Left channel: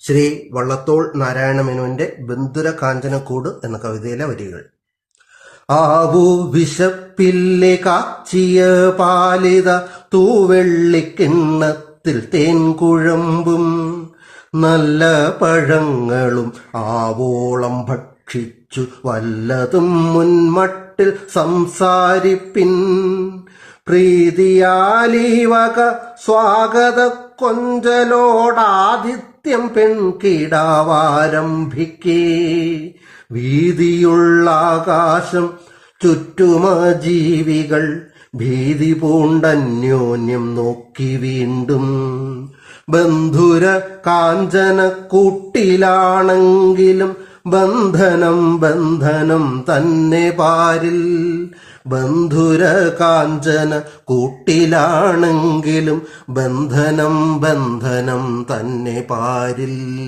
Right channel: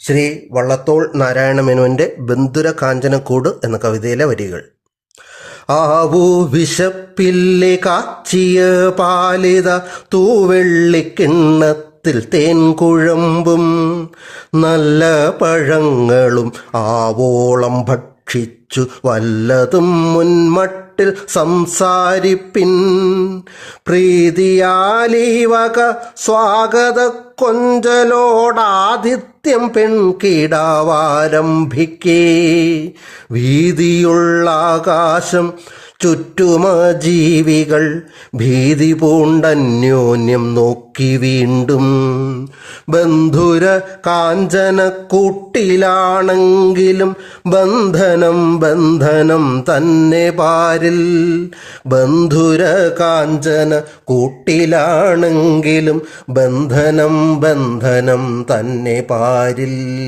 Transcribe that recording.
ശ്രീ വള്ളത്തോൾ നാരായണ മേനോന്റെ ബന്ധുര കാഞ്ചനക്കൂട് എന്ന കവിതയിലെ വരികൾ. ആവോ വിശപ്പില്ലെ കാച്ചിയ പാലിത തൂവെള്ളിക്കിണ്ണത്തിൽ തേൻ കുഴമ്പും നല്ല പഴങ്ങളും ആവോളം ഭക്ഷിച്ചു വല്ലതും മുൻമട്ടിൽ സംസാരിപ്പിൻ. പ്രീതിയാലീവക സ്വാഗത കൊഞ്ചലോടാതിഥ്യം പെൺകിടാവാരംഭിക്കേ. വീതിയുള്ള ആകാശം ചുറ്റുമ ജീവികൾ ഭീതി പൂണ്ടന്യോന്യം നോക്കി വീണ്ടും ബന്ധുര കാഞ്ചന കൂട്ടിലാണെങ്കിലും ബന്ധനം ബന്ധനം തന്നെ പാരിൽ. ബന്ധുര കാഞ്ചന കൂട്ടിലാണെങ്കിലും ബന്ധനം ബന്ധനം തന്നെ പാരിൽ.